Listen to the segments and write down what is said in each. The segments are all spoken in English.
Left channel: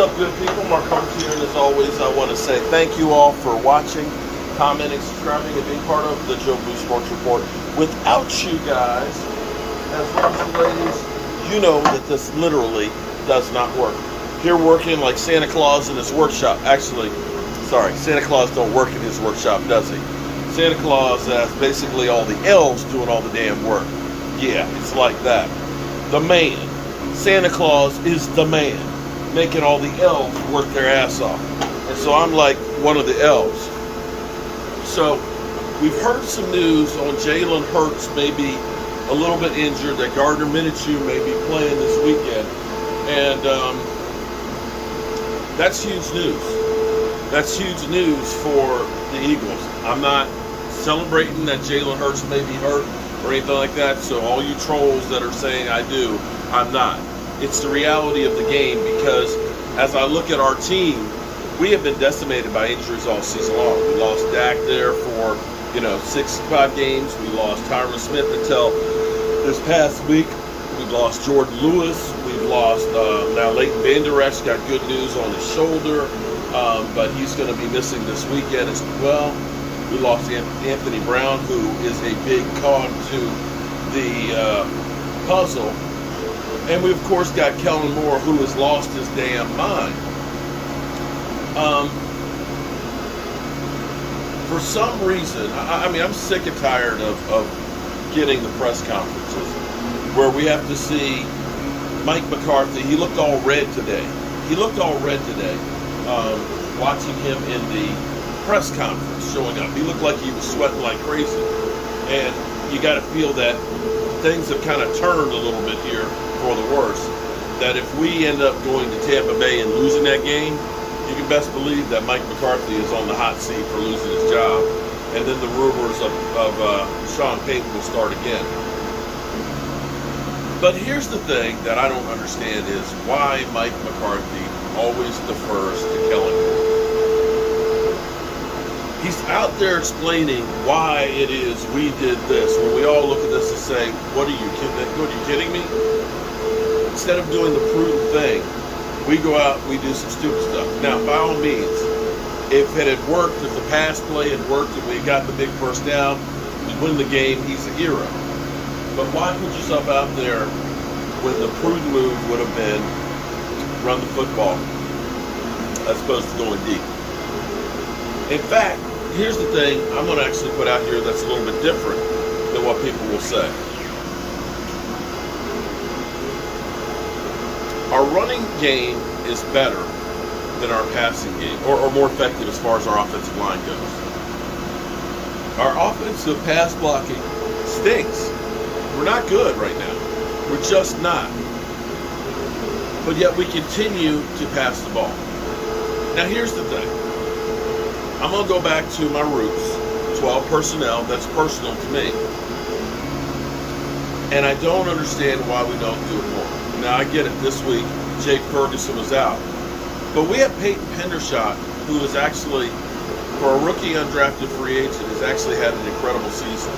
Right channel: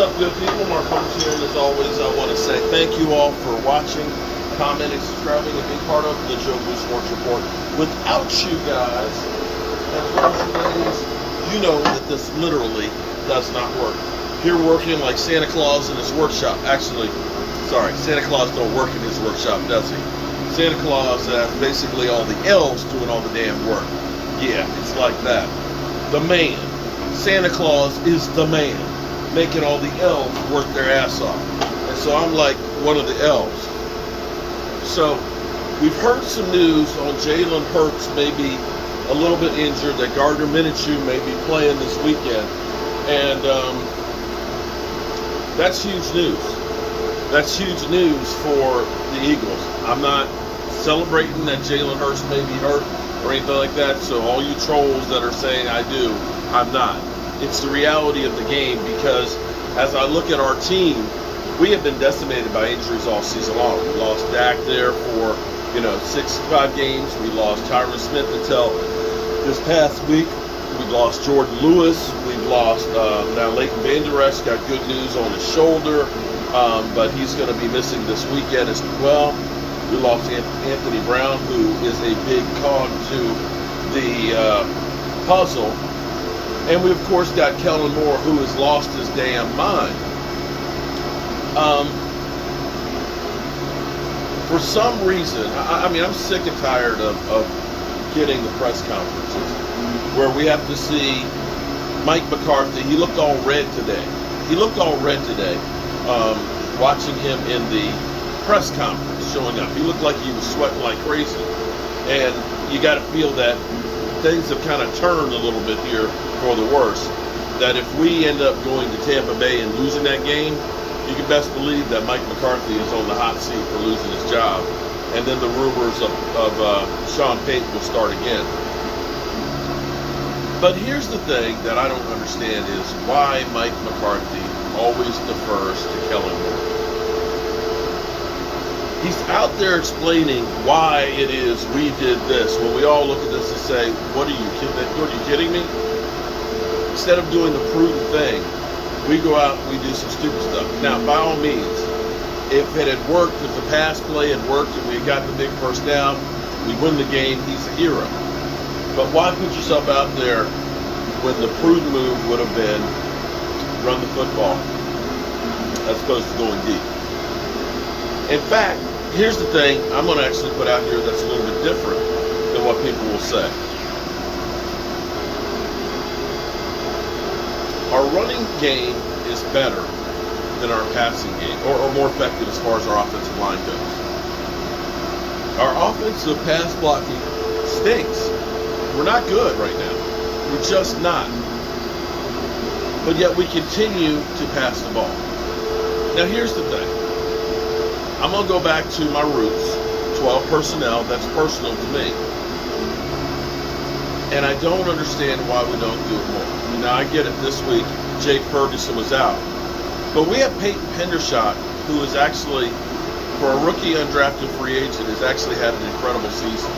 up, good people? Mark Holmes here, and as always, I want to say thank you all for watching, commenting, subscribing, and being part of the Joe Blue Sports Report. Without you guys, as well as the ladies, you know that this literally does not work. You're working like Santa Claus in his workshop. Actually, sorry, Santa Claus don't work in his workshop, does he? Santa Claus has basically all the elves doing all the damn work. Yeah, it's like that. The man. Santa Claus is the man, making all the elves work their ass off. And so I'm like one of the elves. So we've heard some news on Jalen Hurts maybe a little bit injured, that Gardner Minshew may be playing this weekend. And that's huge news. That's huge news for the Eagles. I'm not celebrating that Jalen Hurts may be hurt or anything like that. So all you trolls that are saying I do, I'm not. It's the reality of the game, because as I look at our team, we have been decimated by injuries all season long. We lost Dak there for, 5 games. We lost Tyron Smith until this past week. We've lost Jordan Lewis. We've lost now Leighton Vander Esch got good news on his shoulder, but he's going to be missing this weekend as well. We lost Anthony Brown, who is a big cog to the puzzle. And we, of course, got Kellen Moore, who has lost his damn mind. For some reason, I'm sick and tired of getting the press conferences where we have to see Mike McCarthy. He looked all red today. Watching him in the press conference showing up. He looked like he was sweating like crazy. And you got to feel that things have kind of turned a little bit here for the worse. That if we end up going to Tampa Bay and losing that game, you can best believe that Mike McCarthy is on the hot seat for losing his job. And then the rumors of Sean Payton will start again. But here's the thing that I don't understand is why Mike McCarthy always defers to Kellen Moore. He's out there explaining why it is we did this, when we all look at this and say, what are you kidding me? Instead of doing the prudent thing, we go out and we do some stupid stuff. Now, by all means, if it had worked, if the pass play had worked and we had got the big first down, we win the game, he's a hero. But why put yourself out there when the prudent move would have been run the football as opposed to going deep? In fact, here's the thing I'm going to actually put out here that's a little bit different than what people will say. Our running game is better than our passing game, or more effective as far as our offensive line goes. Our offensive pass blocking stinks. We're not good right now. We're just not. But yet we continue to pass the ball. Now here's the thing. I'm going to go back to my roots, 12 personnel. That's personal to me. And I don't understand why we don't do it more. Now, I get it. This week, Jake Ferguson was out. But we have Peyton Hendershot, who is actually, for a rookie undrafted free agent, has actually had an incredible season.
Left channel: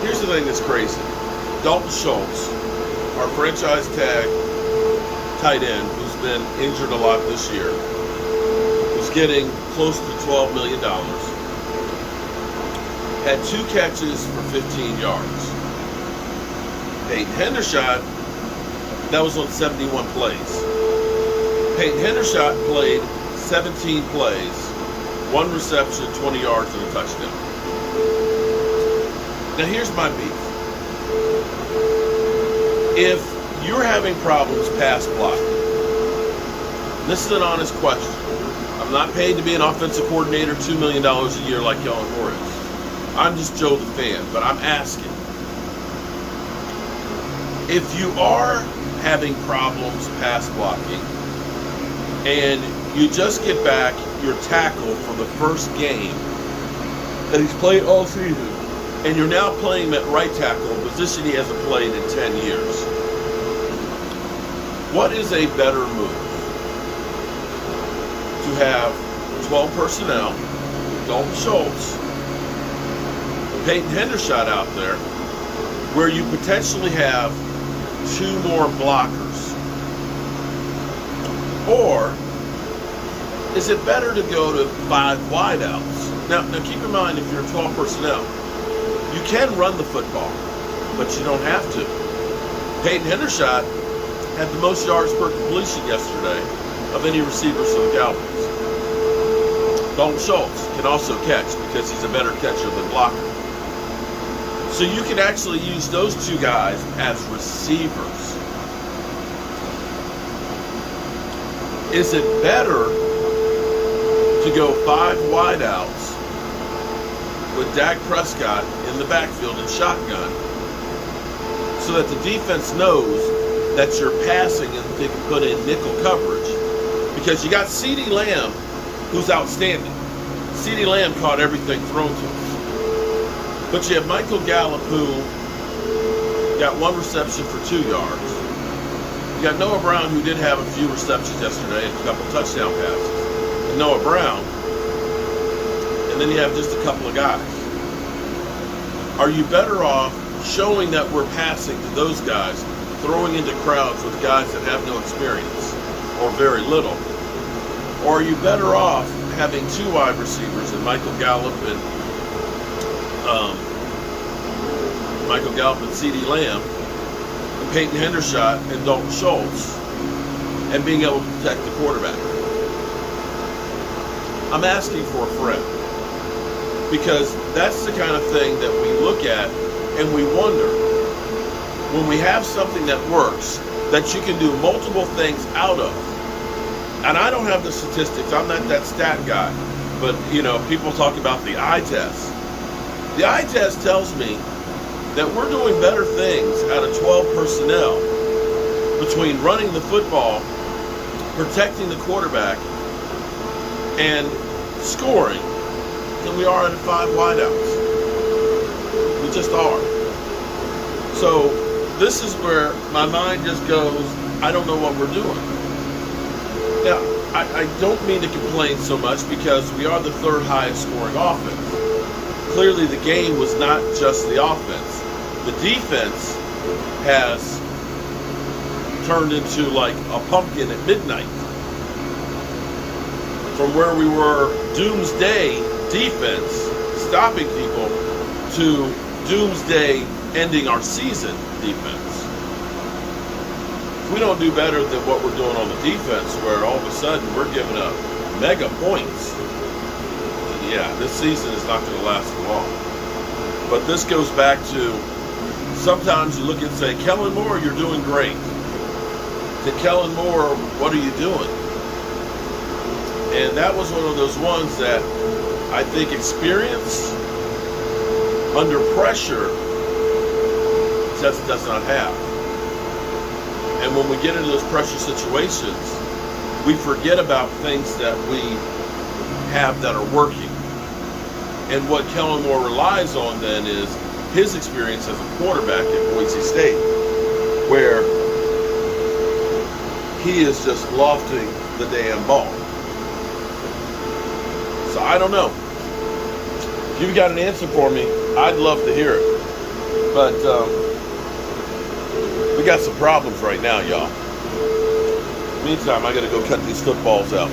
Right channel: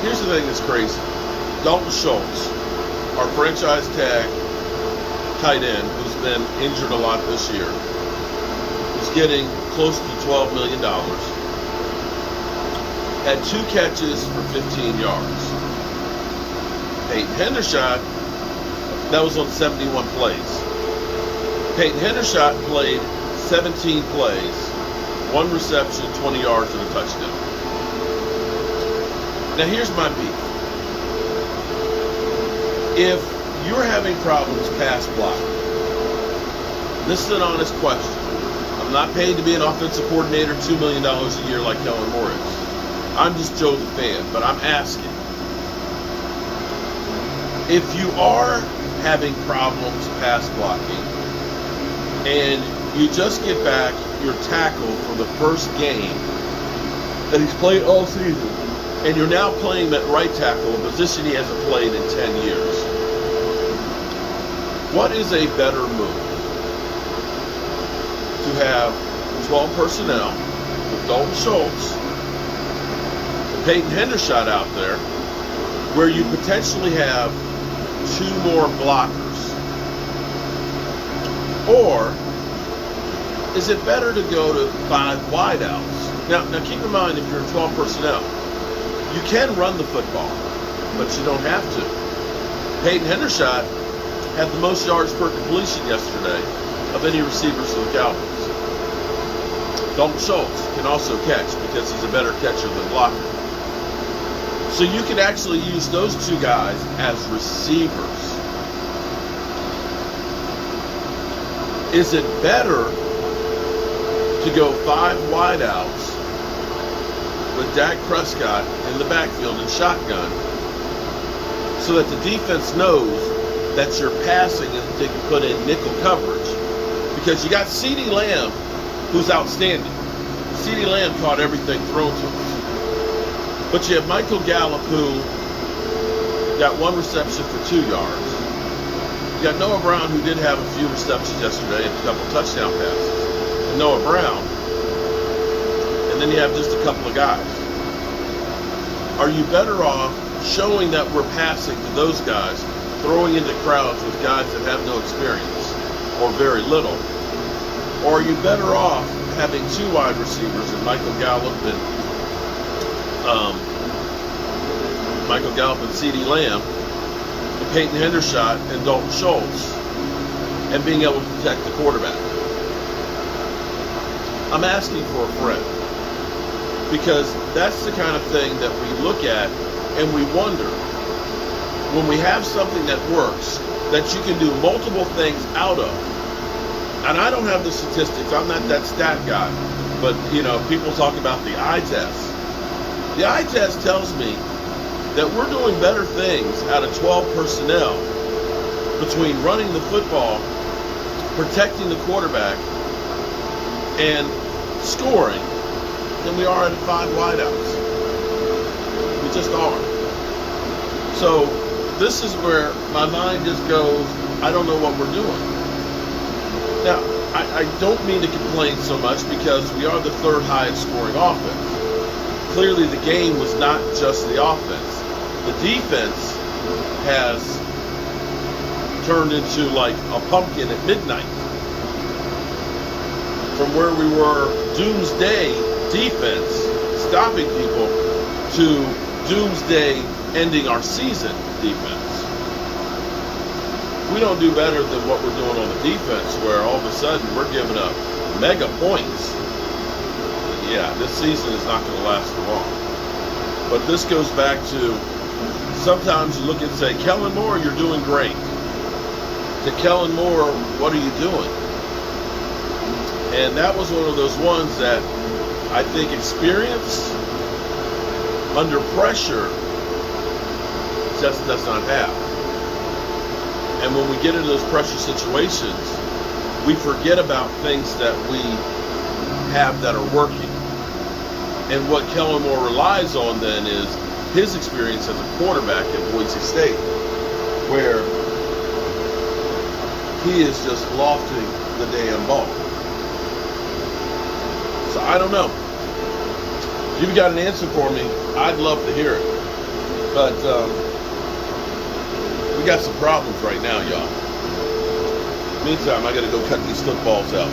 Here's the thing that's crazy. Dalton Schultz, our franchise tag tight end, who's been injured a lot this year, who's getting close to $12 million, had 2 catches for 15 yards. Peyton Hendershot, that was on 71 plays. Peyton Hendershot played 17 plays, 1 reception, 20 yards, and a touchdown. Now here's my beef. If you're having problems pass blocking, this is an honest question. I'm not paid to be an offensive coordinator $2 million a year like Kellen Moore is. I'm just Joe the fan, but I'm asking. If you are having problems pass blocking and you just get back your tackle for the first game that he's played all season, and you're now playing him at right tackle, a position he hasn't played in 10 years, what is a better move? To have 12 personnel with Dalton Schultz and Peyton Hendershot out there, where you potentially have 2 more blockers. Or is it better to go to 5 wideouts? Now keep in mind, if you're 12 personnel, you can run the football, but you don't have to. Peyton Hendershot had the most yards per completion yesterday of any receivers for the Cowboys. Dalton Schultz can also catch because he's a better catcher than blocker. So you can actually use those two guys as receivers. Is it better to go 5 wideouts with Dak Prescott in the backfield and shotgun so that the defense knows that you're passing and they can put in nickel coverage? Because you got CeeDee Lamb, who's outstanding. CeeDee Lamb caught everything thrown to him. But you have Michael Gallup, who got 1 reception for 2 yards. You got Noah Brown, who did have a few receptions yesterday and a couple touchdown passes. And Noah Brown. And then you have just a couple of guys. Are you better off showing that we're passing to those guys, throwing into crowds with guys that have no experience or very little? Or are you better off having 2 wide receivers in Michael Gallup and CeeDee Lamb, and Peyton Hendershot and Dalton Schultz, and being able to protect the quarterback? I'm asking for a friend, because that's the kind of thing that we look at and we wonder, when we have something that works, that you can do multiple things out of. And I don't have the statistics. I'm not that stat guy. But, people talk about the eye test. The eye test tells me that we're doing better things out of 12 personnel between running the football, protecting the quarterback, and scoring than we are out of 5 wideouts. We just are. So this is where my mind just goes, I don't know what we're doing. Now, I don't mean to complain so much because we are the 3rd highest scoring offense. Clearly the game was not just the offense. The defense has turned into like a pumpkin at midnight. From where we were doomsday defense, stopping people, to doomsday ending our season defense. If we don't do better than what we're doing on the defense, where all of a sudden we're giving up mega points, yeah, this season is not going to last for long. But this goes back to, sometimes you look and say, Kellen Moore, you're doing great. To Kellen Moore, what are you doing? And that was one of those ones that I think experience under pressure just does not have. And when we get into those pressure situations, we forget about things that we have that are working. And what Kellen Moore relies on then is his experience as a quarterback at Boise State, where he is just lofting the damn ball. So I don't know. If you've got an answer for me, I'd love to hear it. But we got some problems right now, y'all. Meantime, I got to go cut these footballs out.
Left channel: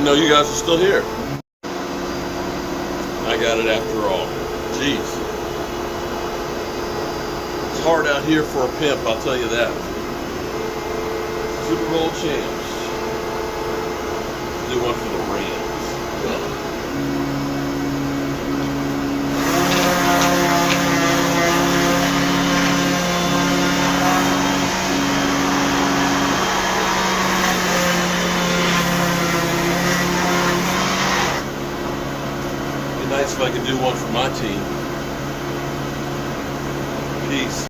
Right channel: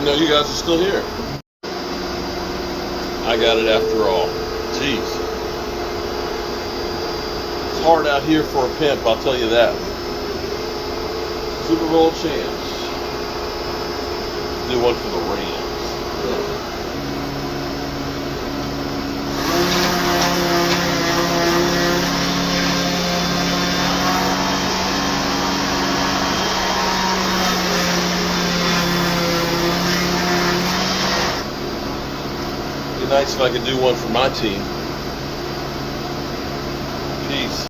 Didn't know you guys were still here. I got it after all. Jeez. It's hard out here for a pimp, I'll tell you that. Super Bowl champs. Do one for the Rams. Yeah. Nice if I could do one for my team. Peace.